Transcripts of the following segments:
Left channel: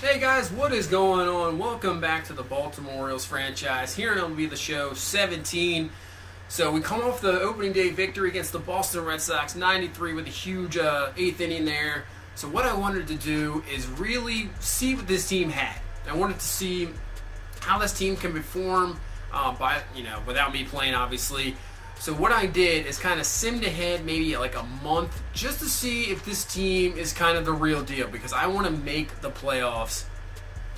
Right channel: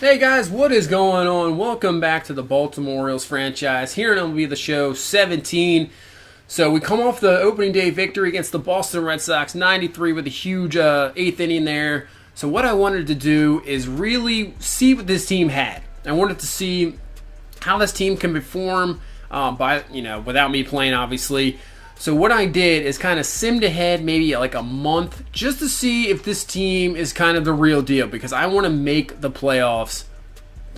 Hey guys, what is going on? Welcome back to the Baltimore Orioles franchise. Here in MLB The Show 17. So we come off the opening day victory against the Boston Red Sox, 93 with a huge eighth inning there. So what I wanted to do is really see what this team had. I wanted to see how this team can perform without me playing, obviously. So what I did is kind of simmed ahead maybe like a month just to see if this team is kind of the real deal, because I want to make the playoffs.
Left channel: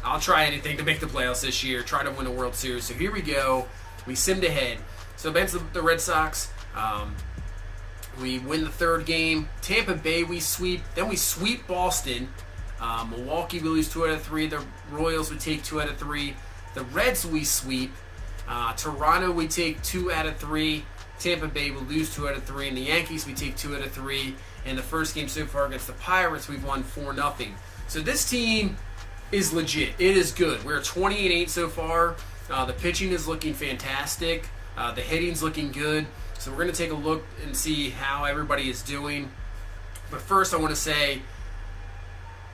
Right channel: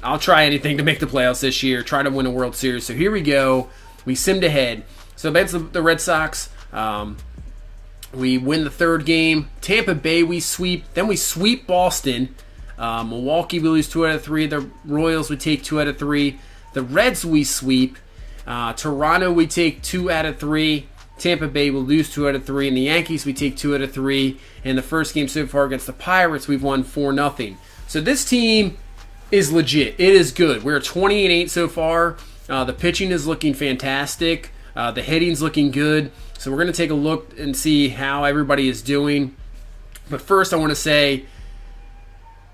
I'll try anything to make the playoffs this year, try to win a World Series. So here we go. We simmed ahead. So against the Red Sox, we win the third game. Tampa Bay we sweep. Then we sweep Boston. Milwaukee we lose 2 out of 3. The Royals we take 2 out of 3. The Reds we sweep. Toronto we take 2 out of 3. Tampa Bay will lose 2 out of 3, and the Yankees we take 2 out of 3. In the first game so far against the Pirates, we've won 4-0. So this team is legit. It is good. We're 20-8 so far. The pitching is looking fantastic. The hitting's looking good. So we're going to take a look and see how everybody is doing. But first, I want to say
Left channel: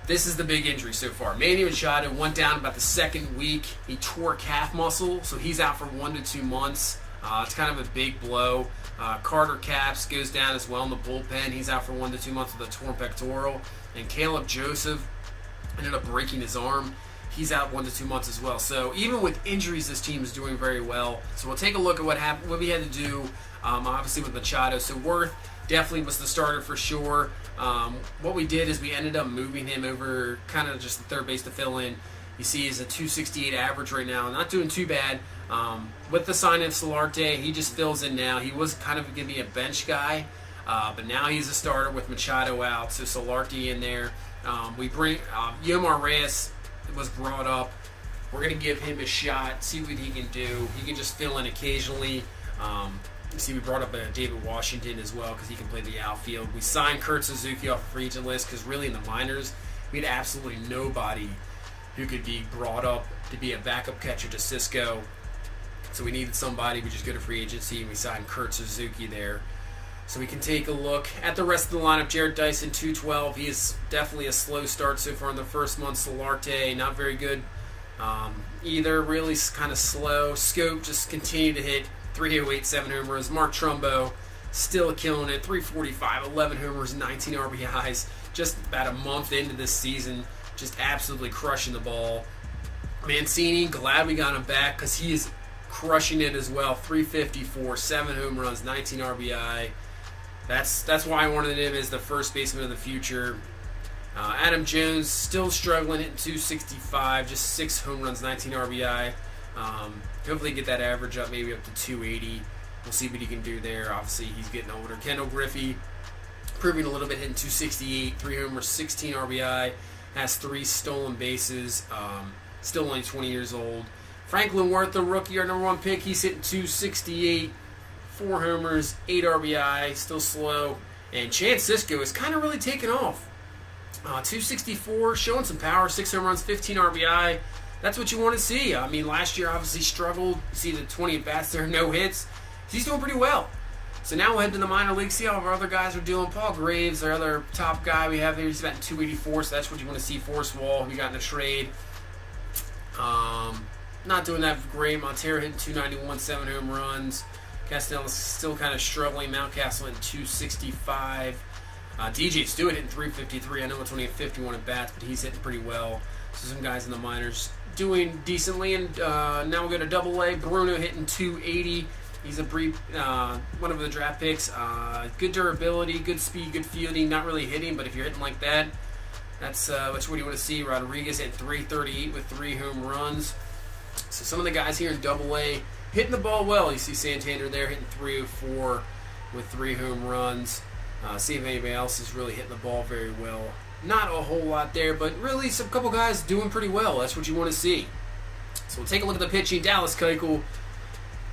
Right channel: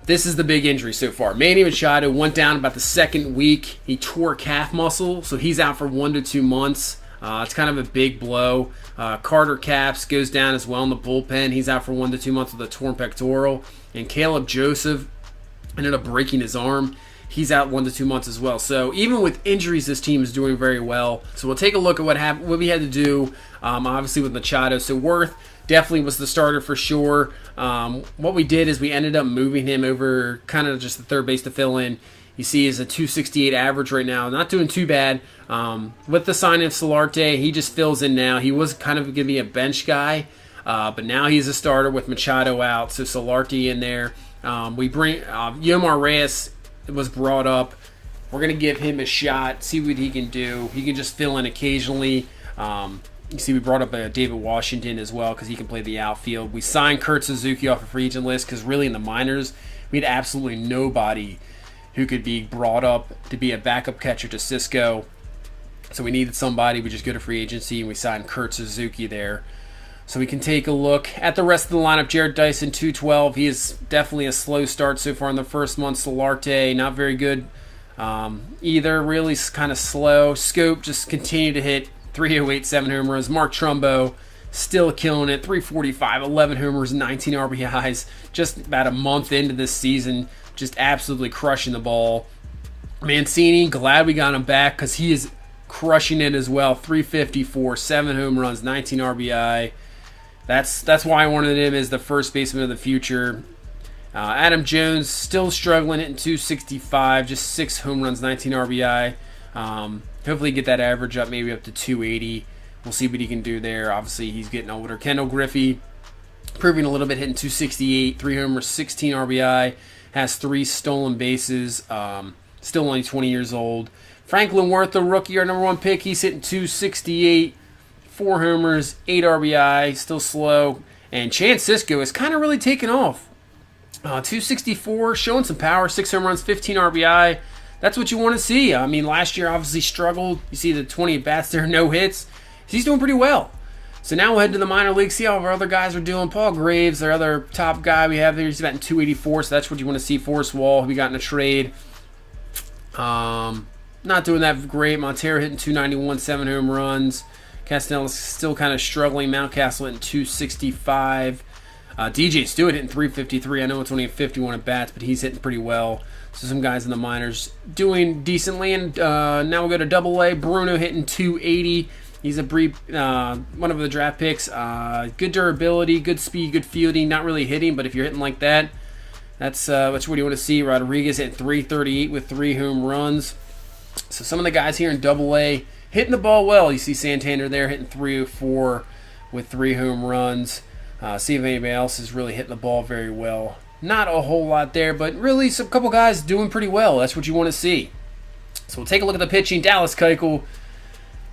this is the big injury so far. Manny Machado went down about the second week. He tore calf muscle, so he's out for 1 to 2 months. It's kind of a big blow. Carter Capps goes down as well in the bullpen. He's out for 1 to 2 months with a torn pectoral. And Caleb Joseph ended up breaking his arm. He's out 1 to 2 months as well. So even with injuries, this team is doing very well. So we'll take a look at what we had to do, obviously with Machado. So Worth definitely was the starter for sure. What we did is we ended up moving him over kind of just the third base to fill in. You see he's a 268 average right now. Not doing too bad. With the signing of Solarte, he just fills in now. He was kind of going to be a bench guy, but now he's a starter with Machado out. So Solarte in there. We bring Yomar Reyes was brought up. We're going to give him a shot, see what he can do. He can just fill in occasionally. You see we brought up David Washington as well because he can play the outfield. We signed Kurt Suzuki off a free agent list because really in the minors, we had absolutely nobody who could be brought up to be a backup catcher to Cisco. So we needed somebody. We just go to free agency and we signed Kurt Suzuki there. So we can take a look at the rest of the lineup. Jared Dyson, 212. He is definitely a slow start so far in the first month. Solarte, not very good either. Really kind of slow. Scope just continue to hit 308, 7 home runs. Mark Trumbo still killing it. 345, 11 homers, 19 RBIs. Just about a month into this season. Just absolutely crushing the ball. Mancini, glad we got him back because he is crushing it as well. 354, 7 home runs, 19 RBI. That's why I wanted him as the first baseman of the future. Adam Jones still struggling, hitting 265, just 6 home runs, 19 RBI. Hopefully get that average up, maybe up to 280. We'll see what he can do there. Obviously, he's getting older. Kendall Griffey, improving a little bit, hitting 268, 3 homers, 16 RBI. Has 3 stolen bases. Still only 20 years old. Franklin Worth, the rookie, our number 1 pick. He's hitting 268, 4 homers, 8 RBI. Still slow. And Chance Cisco is kind of really taken off. 264, showing some power, 6 home runs, 15 RBI. That's what you want to see. I mean, last year obviously struggled. You see the 20 at-bats there, no hits. He's doing pretty well. So now we'll head to the minor leagues, see how our other guys are doing. Paul Graves, our other top guy we have there, he's batting 284, so that's what you want to see. Forrest Wall, we got in a trade. Not doing that great. Montero hitting 291, 7 home runs. Castella's still kind of struggling. Mountcastle hitting 265. DJ Stewart hitting 353. I know it's only a 51 at bats, but he's hitting pretty well. So some guys in the minors doing decently. And now we'll go to Double-A. Bruno hitting 280. He's a brief one of the draft picks. Good durability, good speed, good fielding. Not really hitting, but if you're hitting like that, that's what you want to see. Rodriguez at 338 with 3 home runs. So some of the guys here in Double-A hitting the ball well. You see Santander there hitting 304 with 3 home runs. See if anybody else is really hitting the ball very well. Not a whole lot there, but really some couple guys doing pretty well. That's what you want to see. So we'll take a look at the pitching. Dallas Keuchel,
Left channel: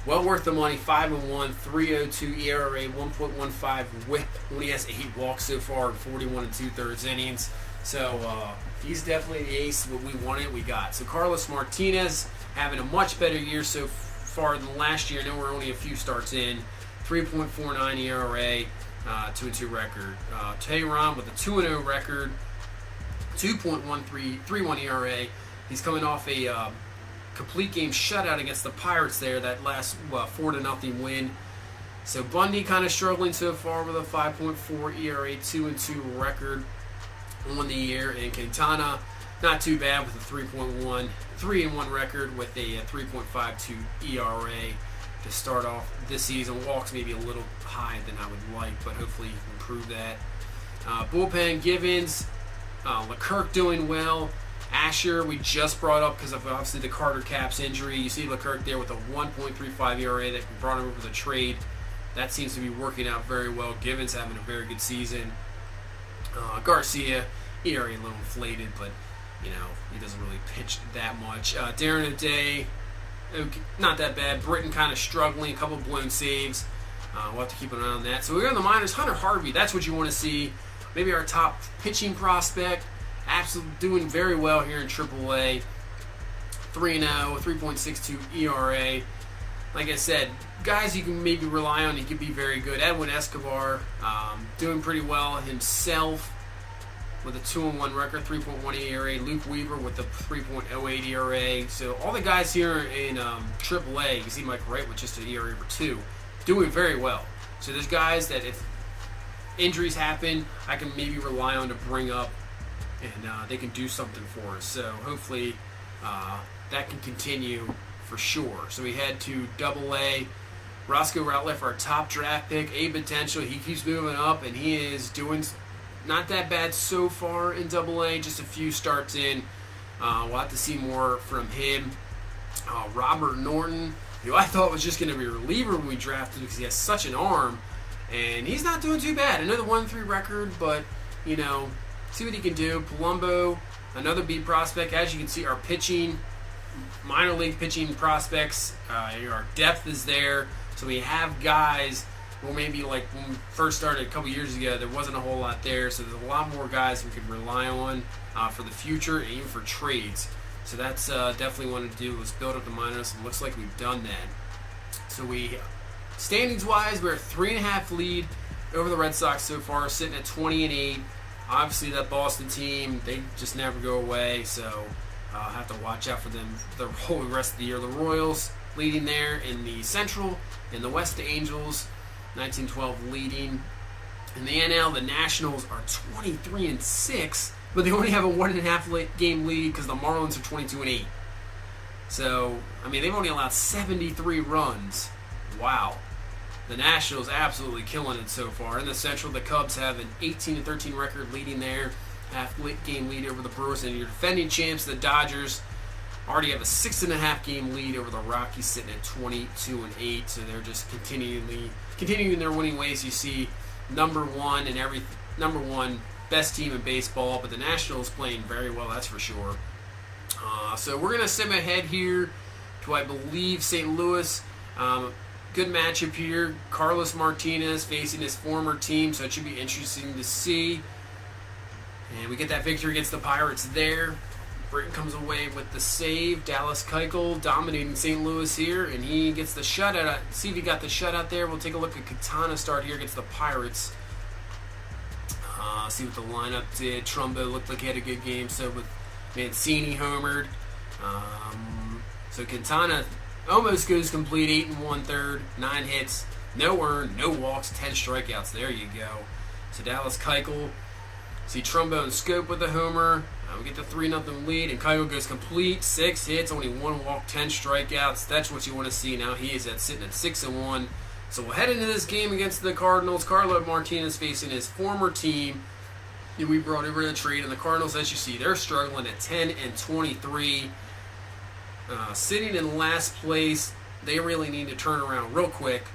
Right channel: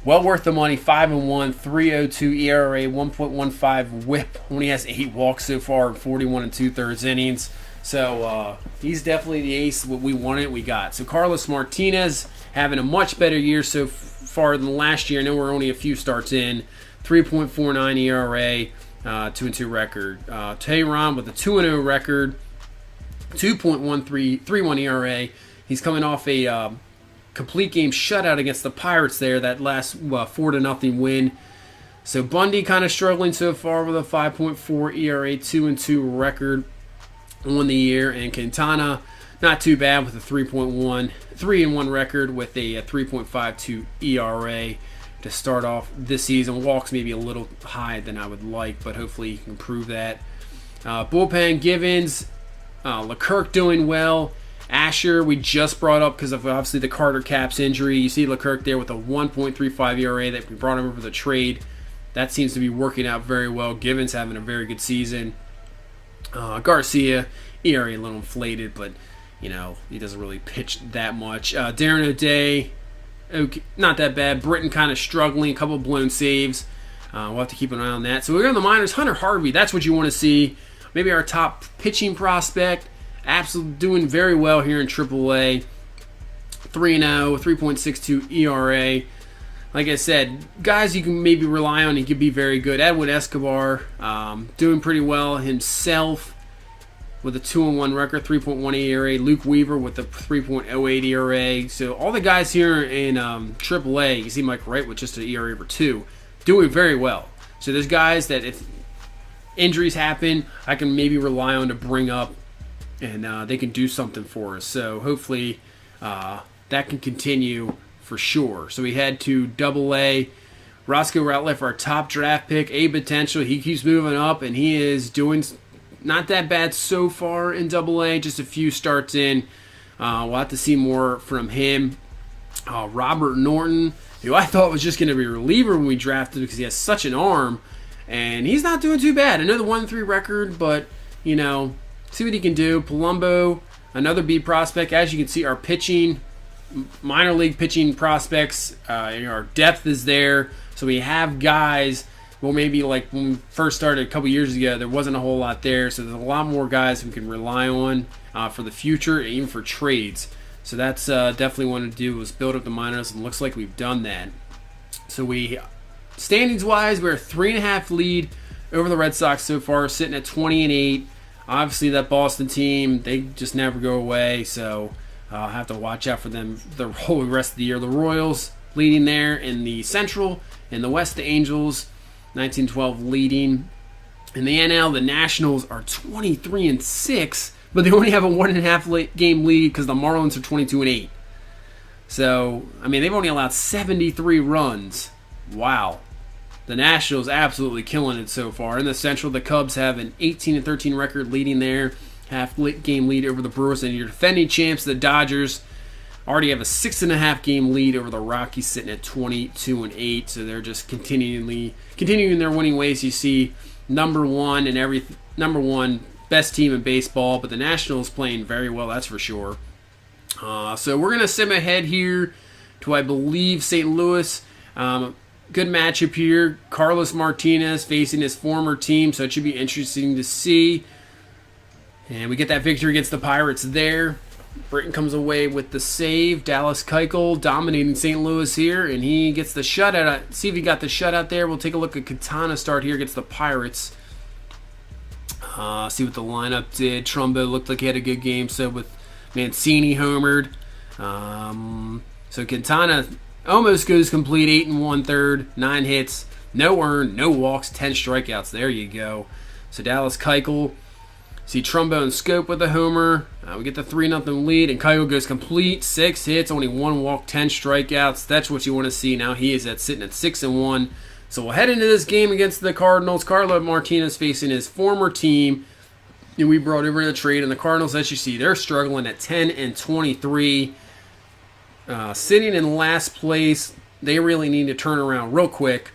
well worth the money. 5-1, 3.02 ERA, 1.15 WHIP. Only has 8 walks so far in 41 2/3 innings. So he's definitely the ace. What we wanted, we got. So Carlos Martinez having a much better year so far than last year. I know we're only a few starts in. 3.49 ERA, 2-2 record. Tehran with a 2-0 record. 2.1331 ERA. He's coming off a complete game shutout against the Pirates there, that last 4-0 win. So Bundy kind of struggling so far with a 5.4 ERA, 2-2 record on the year, and Quintana not too bad with a 3.1 record with a 3.52 ERA to start off this season. Walks maybe a little high than I would like, but hopefully he can improve that. Bullpen, Givens, Leclerc doing well. Asher, we just brought up because of obviously the Carter Capps injury. You see Leclerc there with a 1.35 ERA that we brought him over the trade. That seems to be working out very well. Givens having a very good season. Garcia, ERA a little inflated, but he doesn't really pitch that much. Darren O'Day, okay, not that bad. Britton kind of struggling, a couple of blown saves. We'll have to keep an eye on that. So we go to the minors. Hunter Harvey, that's what you want to see. Maybe our top pitching prospect. Absolutely doing very well here in AAA. 3-0, 3.62 ERA. Like I said, guys you can maybe rely on. He could be very good. Edwin Escobar doing pretty well himself with a 2-1 record, 3.1 ERA. Luke Weaver with a 3.08 ERA. So all the guys here in AAA, you see Mike Wright with just an ERA over 2, doing very well. So there's guys that if injuries happen, I can maybe rely on to bring up, and they can do something for us. So hopefully that can continue for sure. So we head to AA. Roscoe Ratliff, our top draft pick, a potential. He keeps moving up, and he is doing not that bad so far in AA. Just a few starts in. We'll have to see more from him. Robert Norton, who I thought was just going to be a reliever when we drafted because he has such an arm, and he's not doing too bad. I know the 1-3 record, but see what he can do. Palumbo, another B prospect. As you can see, our pitching, minor league pitching prospects, our depth is there. So we have guys, well, maybe like when we first started a couple years ago, there wasn't a whole lot there. So there's a lot more guys we can rely on for the future and even for trades. So that's definitely wanted to do, was build up the minors, and looks like we've done that. So standings-wise, we're a 3.5 lead over the Red Sox so far, sitting at 20-8. Obviously, that Boston team, they just never go away, so I'll have to watch out for them the whole rest of the year. The Royals leading there in the Central. In the West, the Angels, 19-12 leading. In the NL, the Nationals are 23-6, but they only have a 1.5 game lead because the Marlins are 22-8. So, they've only allowed 73 runs. Wow. The Nationals absolutely killing it so far. In the Central, the Cubs have an 18-13 record leading there. Half-game lead over the Brewers. And your defending champs, the Dodgers, already have a 6.5 game lead over the Rockies, sitting at 22-8. So they're just continuing their winning ways. You see number one best team in baseball, but the Nationals playing very well, that's for sure. So we're going to sim ahead here to, I believe, St. Louis. Good matchup here. Carlos Martinez facing his former team, so it should be interesting to see. And we get that victory against the Pirates there. Britton comes away with the save. Dallas Keuchel dominating St. Louis here, and he gets the shutout. See if he got the shutout there. We'll take a look at Quintana start here against the Pirates. See what the lineup did. Trumbo looked like he had a good game, so with Mancini homered. So Quintana almost goes complete, 8 1/3, 9 hits, no earned, no walks, 10 strikeouts. There you go. So Dallas Keuchel, see Trumbo and Scope with a homer. We get the 3-0 lead, and Keuchel goes complete, 6 hits, only 1 walk, 10 strikeouts. That's what you want to see. Now he is sitting at 6-1. So we'll head into this game against the Cardinals. Carlos Martinez facing his former team, and we brought over the trade. And the Cardinals, as you see, they're struggling at 10-23. Sitting in last place, they really need to turn around real quick.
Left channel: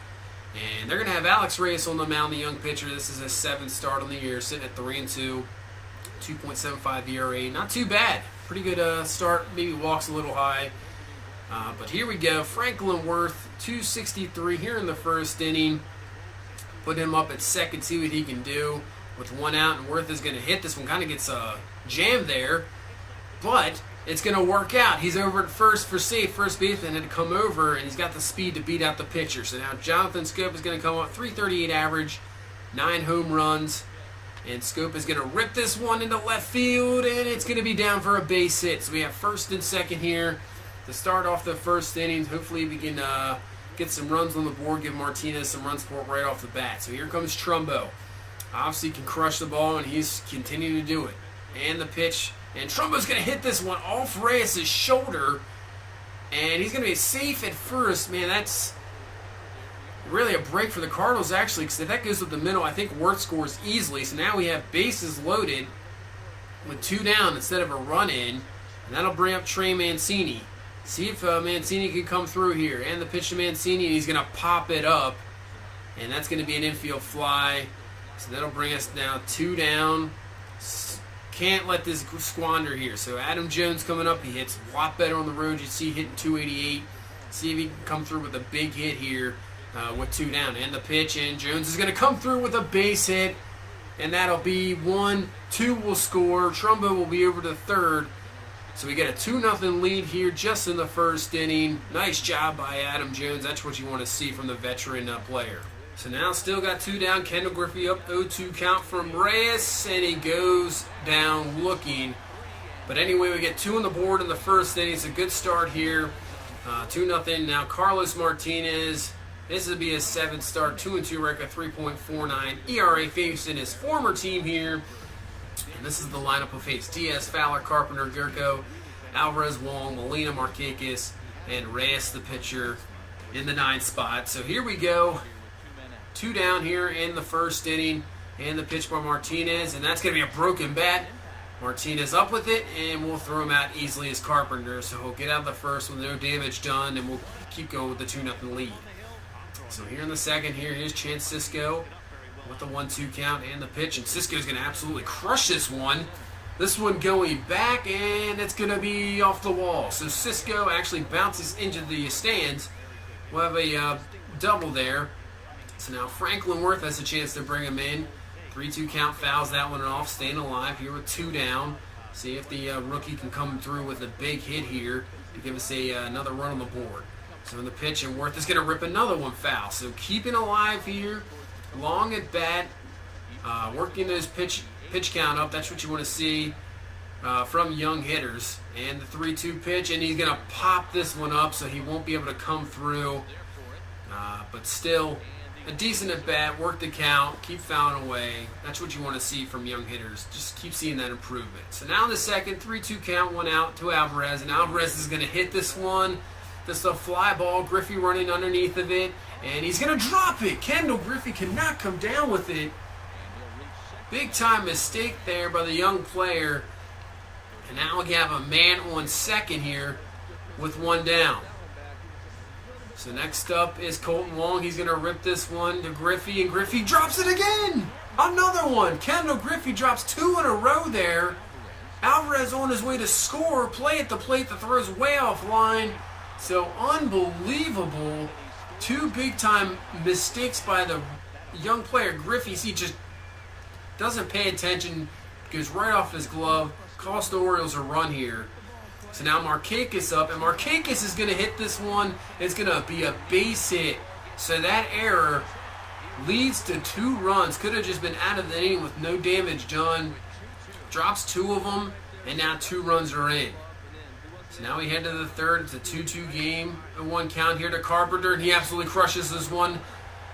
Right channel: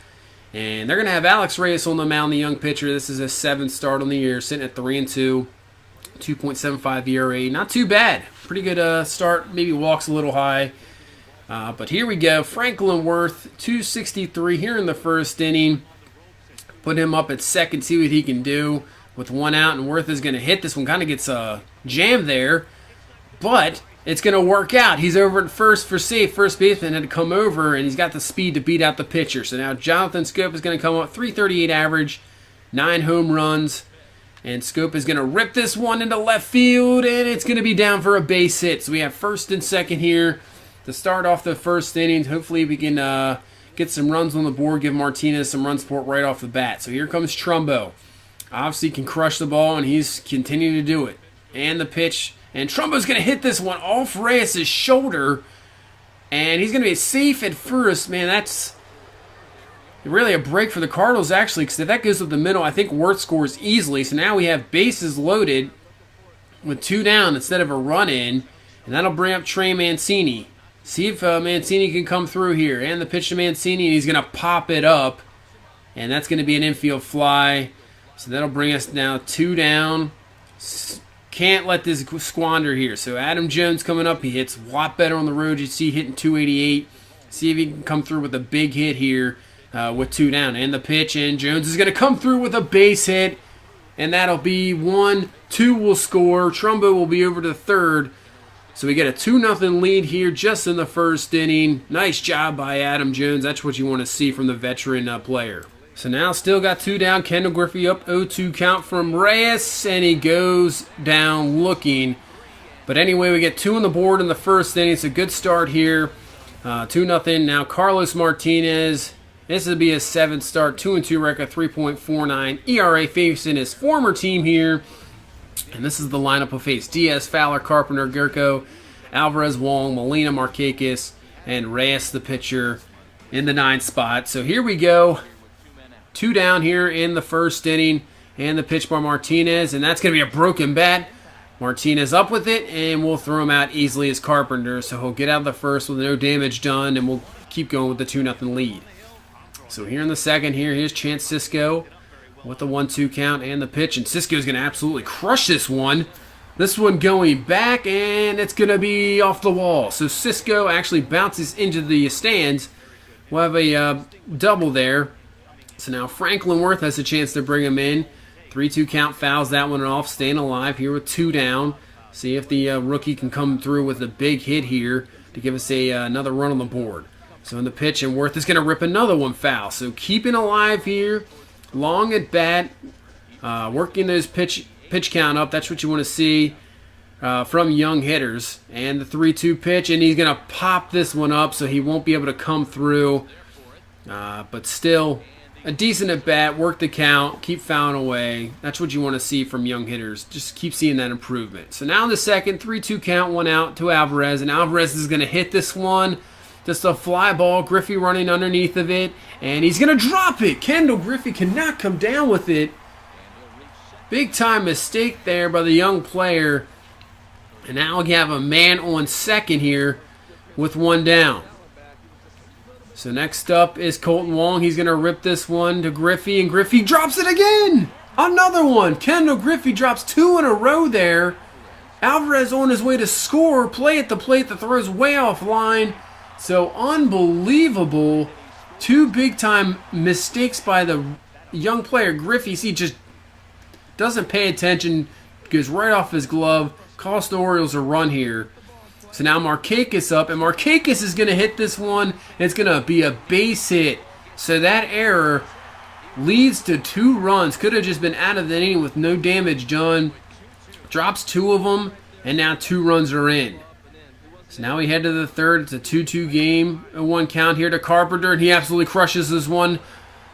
And they're going to have Alex Reyes on the mound, the young pitcher. This is his 7th start on the year, sitting at 3-2, 2.75 ERA. Not too bad. Pretty good start. Maybe walks a little high. But here we go. Franklin Worth, 263 here in the first inning. Put him up at second, see what he can do with 1 out. And Worth is going to hit this one. Kind of gets jammed there. But it's going to work out. He's over at first for safe. First baseman had to come over, and he's got the speed to beat out the pitcher. So now Jonathan Scope is going to come up, 338 average, 9 home runs. And Scope is going to rip this one into left field, and it's going to be down for a base hit. So we have first and second here to start off the first inning. Hopefully we can get some runs on the board, give Martinez some run support right off the bat. So here comes Trumbo. Obviously can crush the ball, and he's continuing to do it. And the pitch, and Trumbo's going to hit this one off Reyes' shoulder, and he's going to be safe at first. Man, that's really a break for the Cardinals, actually, because if that goes up the middle, I think Wirth scores easily. So now we have bases loaded with 2 down instead of a run in, and that'll bring up Trey Mancini. See if Mancini can come through here. And the pitch to Mancini, and he's going to pop it up, and that's going to be an infield fly. So that'll bring us now 2 down. Can't let this squander here. So Adam Jones coming up, he hits a lot better on the road. You see hitting 288. See if he can come through with a big hit here. With 2 down, and the pitch, and Jones is going to come through with a base hit, and that'll be 1-2 will score. Trumbo will be over to third, so we get a 2-0 lead here just in the first inning. Nice job by Adam Jones. That's what you want to see from the veteran player. So now still got 2 down. Kendall Griffey up 0-2 count from Reyes, and he goes down looking. But anyway, we get 2 on the board in the first inning. It's a good start here. 2-0. Now Carlos Martinez. This will be his 7th start, 2-2 record, 3.49 ERA, facing his former team here. And this is the lineup will face Diaz, Fowler, Carpenter, Gurko, Alvarez, Wong, Molina, Markakis, and Reyes, the pitcher, in the 9th spot. So here we go. 2 down here in the first inning, and the pitch by Martinez, and that's going to be a broken bat. Martinez up with it, and we'll throw him out easily as Carpenter. So he'll get out of the first with no damage done, and we'll keep going with the 2-0 lead. So here in the second, here's Chance Cisco with the 1-2 count and the pitch. And Cisco's going to absolutely crush this one. This one going back, and it's going to be off the wall. So Cisco actually bounces into the stands. We'll have a double there. So now Franklin Wirth has a chance to bring him in. 3-2 count, fouls that one off, staying alive here with 2 down. See if the rookie can come through with a big hit here to give us another run on the board. So in the pitch, and Wirth is going to rip another one foul. So keeping alive here, long at bat, working those pitch count up. That's what you want to see from young hitters. And the 3-2 pitch, and he's going to pop this one up, so he won't be able to come through. But still, a decent at bat, work the count, keep fouling away. That's what you want to see from young hitters. Just keep seeing that improvement. So now in the second, 3-2 count, 1 out to Alvarez, and Alvarez is going to hit this one. Just a fly ball, Griffey running underneath of it, and he's going to drop it. Kendall Griffey cannot come down with it. Big time mistake there by the young player. And now we have a man on second here with 1 down. So next up is Colton Wong. He's going to rip this one to Griffey, and Griffey drops it again. Another one. Kendall Griffey drops 2 in a row there. Alvarez on his way to score. Play at the plate. The throw's way offline. So unbelievable. 2 big-time mistakes by the young player. Griffey, he just doesn't pay attention, goes right off his glove, cost the Orioles a run here. So now Markakis up, and Markakis is going to hit this one, and it's going to be a base hit. So that error leads to 2 runs. Could have just been out of the inning with no damage done. Drops 2 of them, and now 2 runs are in. So now we head to the third. It's a 2-2 game. A 1 count here to Carpenter, and he absolutely crushes this one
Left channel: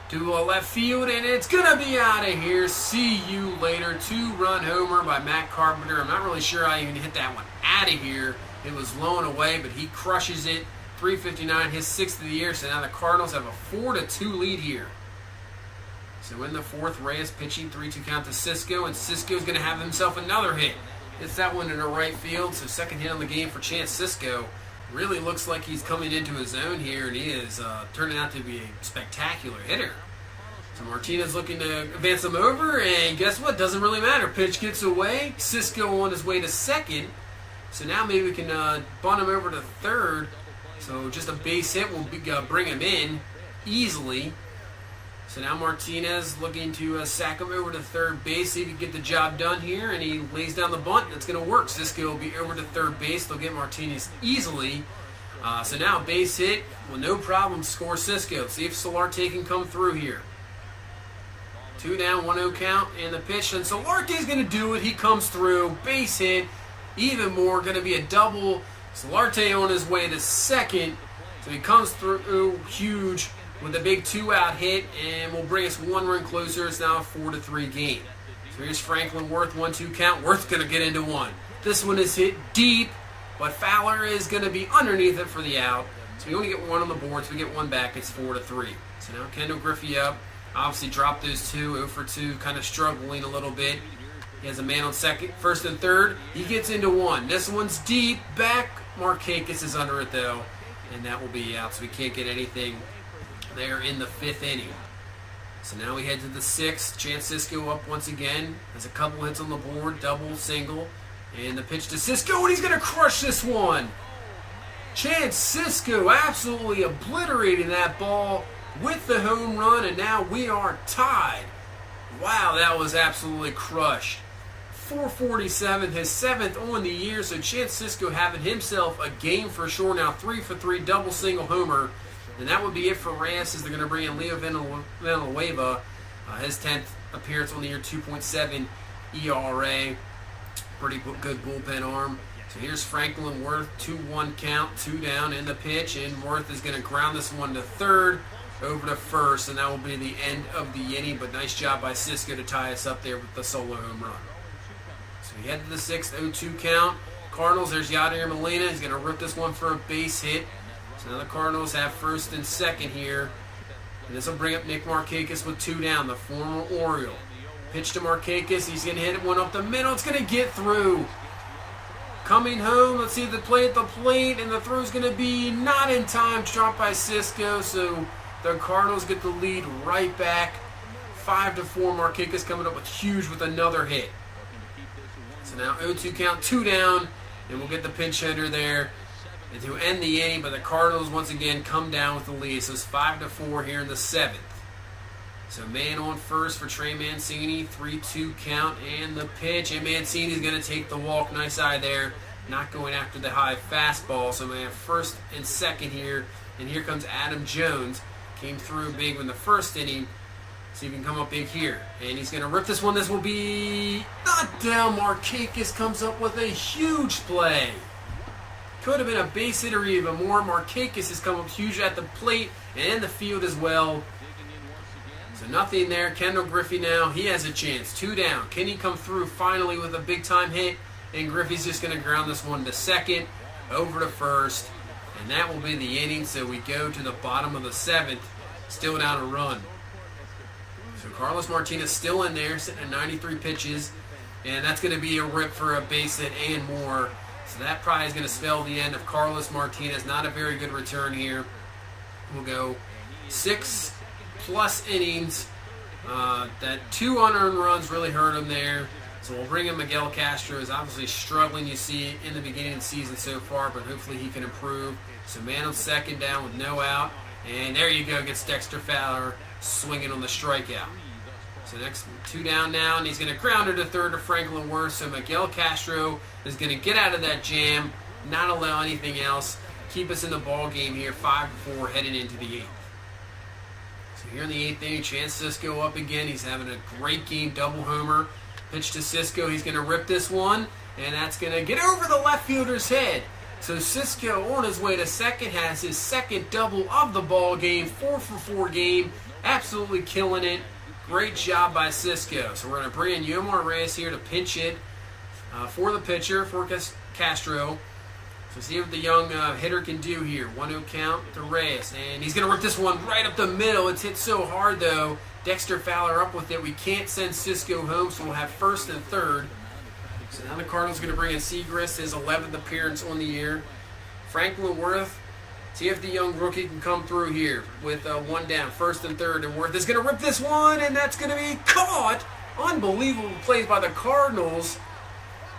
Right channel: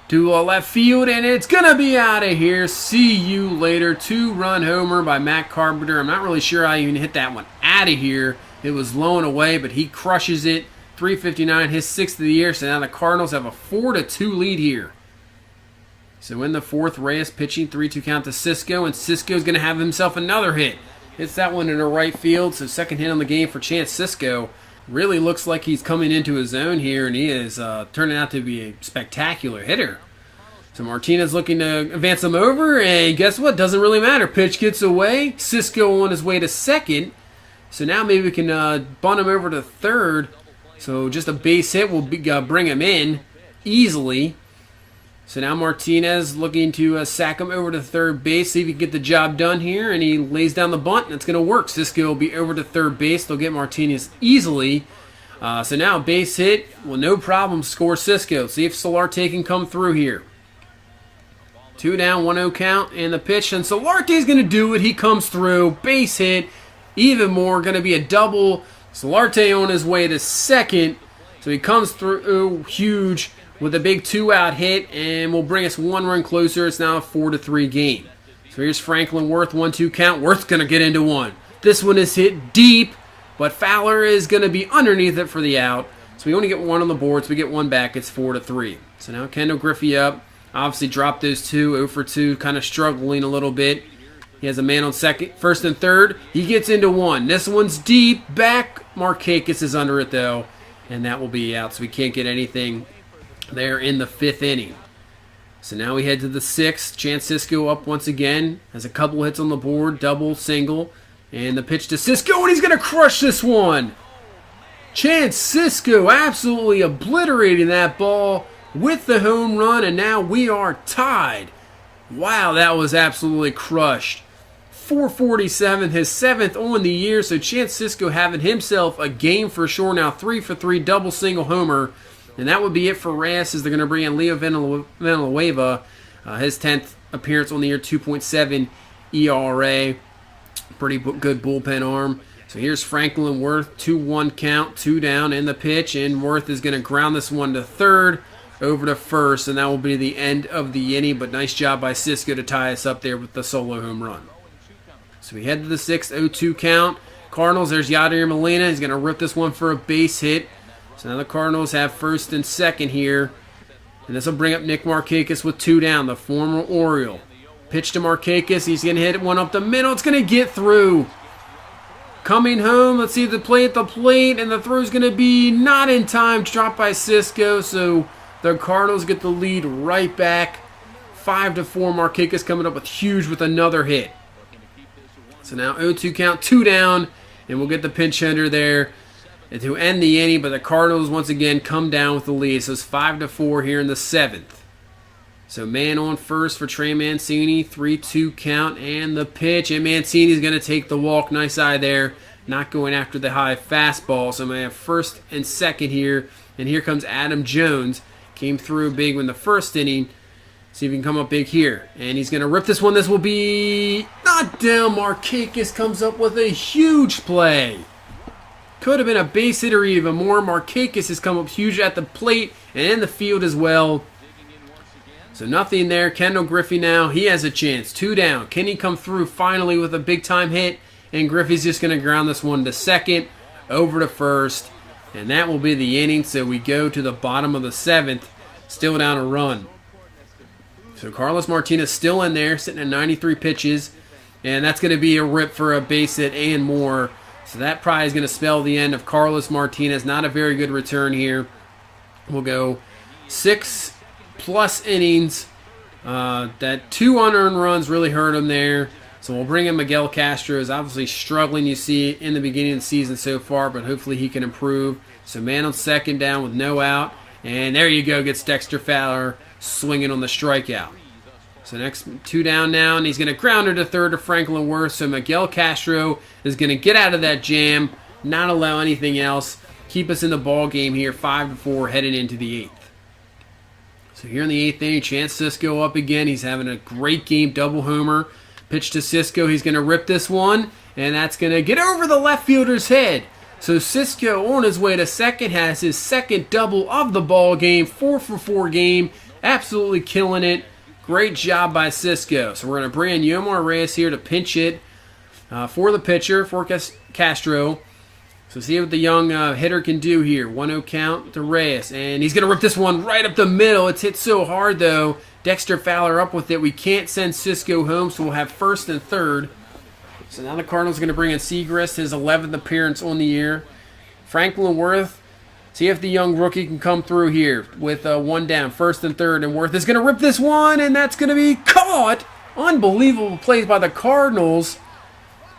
to left field, and it's going to be out of here. See you later. 2-run homer by Matt Carpenter. I'm not really sure how you can hit that one out of here. It was blown away, but he crushes it. 359, his 6th of the year. So now the Cardinals have a 4-2 lead here. So in the fourth, Reyes pitching, 3-2 count to Cisco, and Cisco's going to have himself another hit. Hits that one in the right field, so second hit on the game for Chance Cisco. Really looks like he's coming into his own here, and he is turning out to be a spectacular hitter. So Martinez looking to advance him over, and guess what? Doesn't really matter. Pitch gets away. Cisco on his way to second. So now maybe we can bunt him over to third. So just a base hit will bring him in easily. So now Martinez looking to sack him over to third base, see if he can get the job done here, and he lays down the bunt, and it's going to work. Cisco will be over to third base. They'll get Martinez easily. So now base hit, well, no problem, score Cisco. See if Solarte can come through here. 2 down, 1-0 count, and the pitch. And Solarte's going to do it. He comes through, base hit, even more. Going to be a double. Solarte on his way to second. So he comes through huge with a big 2-out hit, and will bring us 1 run closer. It's now a 4-3 game. So here's Franklin Worth, 1-2 count. Worth's going to get into one. This one is hit deep, but Fowler is going to be underneath it for the out. So we only get 1 on the board, so we get 1 back. It's 4-3. So now Kendall Griffey up. Obviously dropped those 2, 0 for 2, kind of struggling a little bit. He has a man on second, first and third. He gets into 1. This one's deep, back. Markakis is under it though, and that will be out. So we can't get anything there in the 5th inning. So now we head to the 6th. Chance Sisco up once again. Has a couple hits on the board, double, single. And the pitch to Sisco, and he's going to crush this one. Chance Sisco absolutely obliterating that ball with the home run, and now we are tied. Wow, that was absolutely crushed. 447, his 7th on the year, so Chance Sisco having himself a game for sure now. 3 for 3, double single homer. And that would be it for Reyes, as they're going to bring in Leo Villanueva. His 10th appearance on the year, 2.7 ERA. Pretty good bullpen arm. So here's Franklin Worth, 2-1 count, 2 down in the pitch, and Worth is going to ground this one to third, over to first, and that will be the end of the inning. But nice job by Sisco to tie us up there with the solo home run. So we head to the 6th, 0-2 count. Cardinals, there's Yadier Molina. He's going to rip this one for a base hit. So now the Cardinals have first and second here. And this will bring up Nick Markakis with 2 down, the former Oriole. Pitch to Markakis. He's going to hit one up the middle. It's going to get through. Coming home, let's see the play at the plate, and the throw's going to be not in time. Dropped by Sisco, so the Cardinals get the lead right back. 5-4. Markakis coming up with huge with another hit. So now 0-2 count, 2 down, and we'll get the pinch hitter there and to end the inning. But the Cardinals once again come down with the lead. So it's 5-4 here in the 7th. So man on first for Trey Mancini, 3-2 count, and the pitch. And Mancini's going to take the walk. Nice eye there. Not going after the high fastball. So I'm going to have first and second here. And here comes Adam Jones. Came through big in the first inning. See if he can come up big here. And he's going to rip this one. This will be not down. Markakis comes up with a huge play. Could have been a base hit or even more. Markakis has come up huge at the plate and in the field as well. So nothing there. Kendall Griffey now, he has a chance. 2 down. Can he come through finally with a big-time hit? And Griffey's just going to ground this one to second, over to first. And that will be the inning. So we go to the bottom of the 7th, still down a run. So Carlos Martinez still in there, sitting at 93 pitches. And that's going to be a rip for a base hit and more. So that probably is going to spell the end of Carlos Martinez. Not a very good return here. We'll go 6+ innings. That 2 unearned runs really hurt him there. So we'll bring in Miguel Castro. Is obviously struggling, you see, in the beginning of the season so far, but hopefully he can improve. So man on second down with no out. And there you go, gets Dexter Fowler swinging on the strikeout. So next 2 down now, and he's going to ground her to third to Franklin Worth. So Miguel Castro is going to get out of that jam, not allow anything else, keep us in the ball game here, 5-4 heading into the 8th. So here in the 8th inning, Chance Sisco up again. He's having a great game, double homer. Pitch to Sisco. He's going to rip this one, and that's going to get over the left fielder's head. So Sisco on his way to second has his second double of the ball game, 4-for-4 game, absolutely killing it. Great job by Sisco. So we're going to bring in Yomar Reyes here to pinch hit for the pitcher, for Castro. So see what the young hitter can do here. 1-0 count to Reyes. And he's going to rip this one right up the middle. It's hit so hard, though. Dexter Fowler up with it. We can't send Sisco home, so we'll have first and third. So now the Cardinals are going to bring in Segrist, his 11th appearance on the year. Franklin Worth. See if the young rookie can come through here with 1 down, first and third. And Worth is going to rip this one, and that's going to be caught. Unbelievable plays by the Cardinals.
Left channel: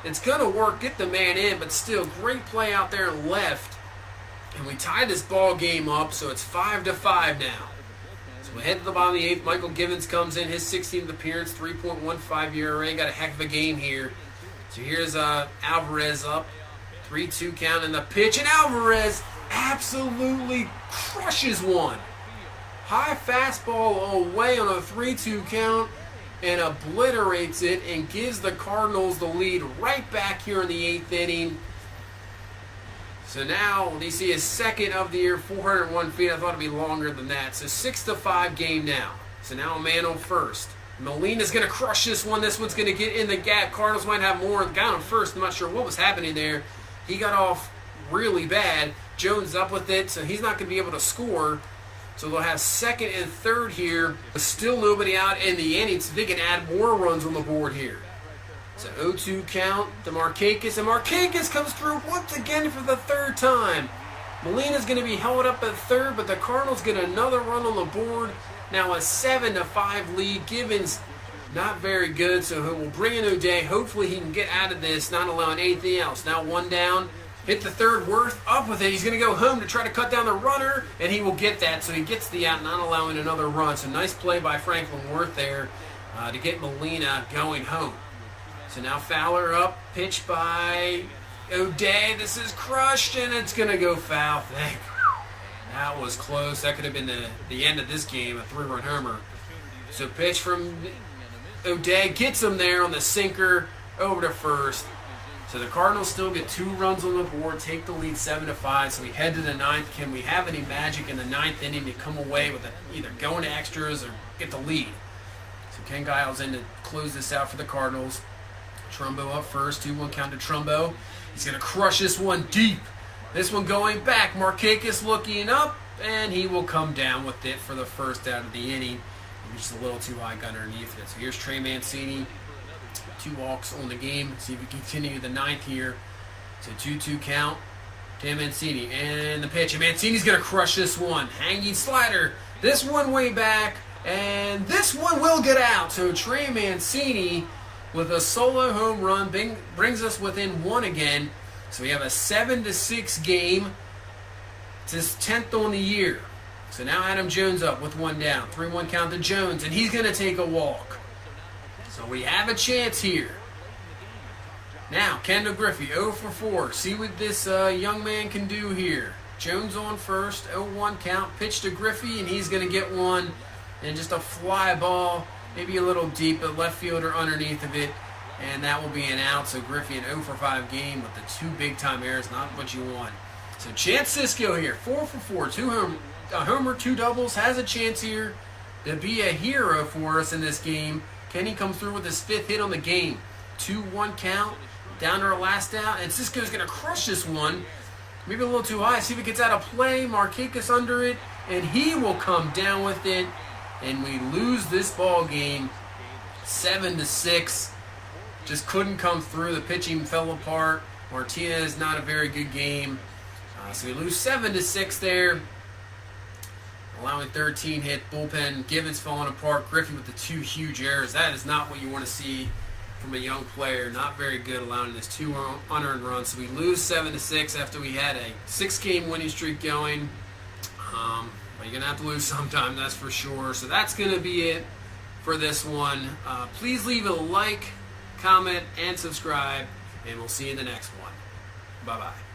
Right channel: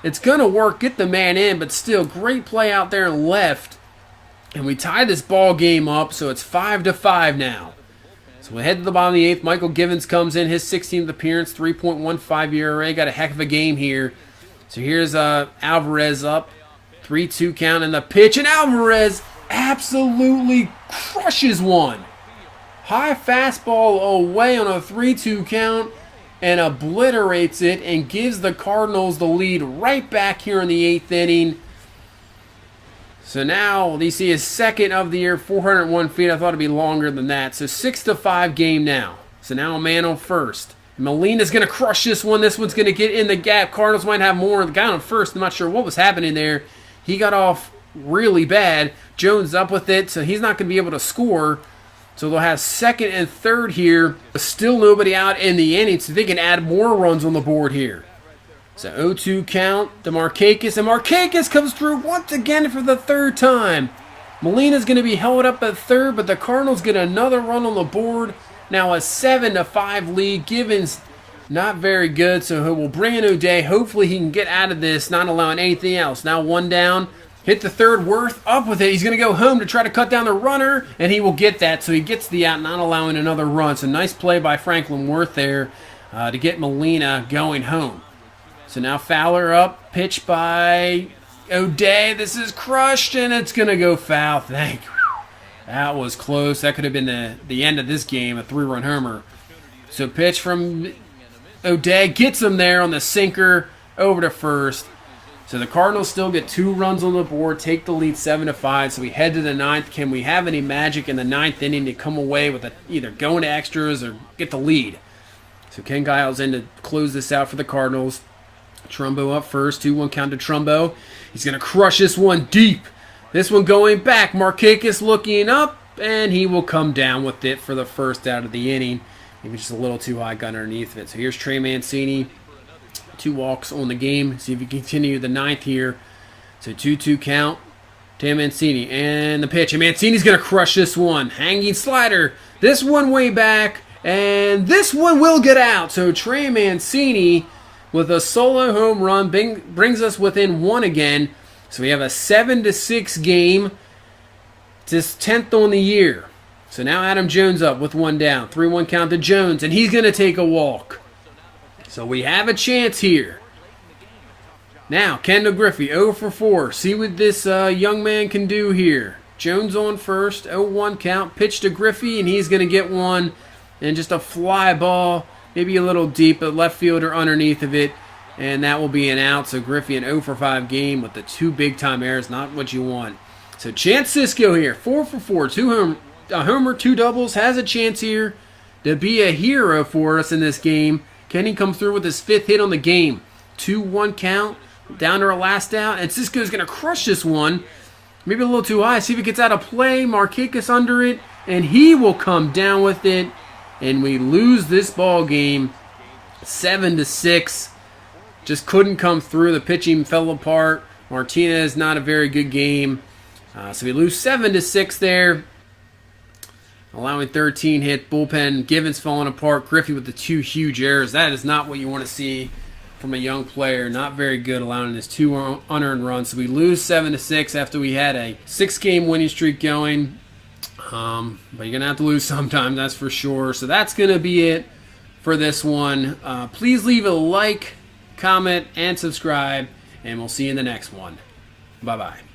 It's going to work, get the man in, but still great play out there left. And we tie this ball game up, so it's 5-5 now. So we head to the bottom of the 8th. Michael Givens comes in, his 16th appearance, 3.15 ERA. Got a heck of a game here. So here's Alvarez up, 3-2 count in the pitch, and Alvarez absolutely crushes one. High fastball away on a 3-2 count. and obliterates it and gives the Cardinals the lead right back here in the 8th inning. So now you see his second of the year, 401 feet. I thought it'd be longer than that. So 6-5 game now. So now a man on first. Molina's going to crush this one. This one's going to get in the gap. Cardinals might have more. The guy on first, I'm not sure what was happening there. He got off really bad. Jones up with it, so he's not going to be able to score. So they'll have second and third here. Still nobody out in the inning, so they can add more runs on the board here. So 0-2 count to Markakis, and Markakis comes through once again for the third time. Molina's going to be held up at third, but the Cardinals get another run on the board. Now a 7-5 lead. Givens not very good, so he will bring in O'Day. Hopefully he can get out of this, not allowing anything else. Now one down. Hit the third, Worth up with it. He's going to go home to try to cut down the runner, and he will get that. So he gets the out, not allowing another run. So nice play by Franklin Worth there to get Molina going home. So now Fowler up, pitch by O'Day. This is crushed, and it's going to go foul. Thank you. That was close. That could have been the end of this game, a 3-run homer. So pitch from O'Day gets him there on the sinker over to first. So the Cardinals still get 2 runs on the board, take the lead 7-5. So we head to the 9th. Can we have any magic in the 9th inning to come away with either going to extras or get the lead? So Ken Giles in to close this out for the Cardinals. Trumbo up first, 2-1 count to Trumbo. He's going to crush this one deep. This one going back. Markakis looking up, and he will come down with it for the first out of the inning. Maybe just a little too high, gun underneath it. So here's Trey Mancini. 2 walks on the game. See if we continue the 9th here. So 2-2 count. Tim Mancini. And the pitch. And Mancini's going to crush this one. Hanging slider. This one way back. And this one will get out. So Trey Mancini with a solo home run brings us within 1 again. So we have a 7-6 game. It's his 10th on the year. So now Adam Jones up with 1 down. 3-1 count to Jones. And he's going to take a walk. So we have a chance here. Now, Kendall Griffey, 0 for 4. See what this young man can do here. Jones on first, 0-1 count. Pitch to Griffey, and he's going to get one. And just a fly ball, maybe a little deep, but left fielder underneath of it. And that will be an out. So Griffey, an 0 for 5 game with the 2 big-time errors. Not what you want. So Chance Sisco here, 4 for 4. A homer, 2 doubles. Has a chance here to be a hero for us in this game. Can he come through with his 5th hit on the game? 2-1 count, down to our last out, and Sisco's going to crush this one. Maybe a little too high. See if he gets out of play. Markakis under it, and he will come down with it, and we lose this ball game 7-6. Just couldn't come through. The pitching fell apart. Martinez, not a very good game. So we lose 7-6 there. Allowing 13 hit, bullpen, Givens falling apart, Griffey with the 2 huge errors. That is not what you want to see from a young player. Not very good, allowing his 2 unearned runs. So we lose 7-6 after we had a 6-game winning streak going. But you're going to have to lose sometime, that's for sure. So that's going to be it for this one. Please leave a like, comment, and subscribe, and we'll see you in the next one. Bye-bye.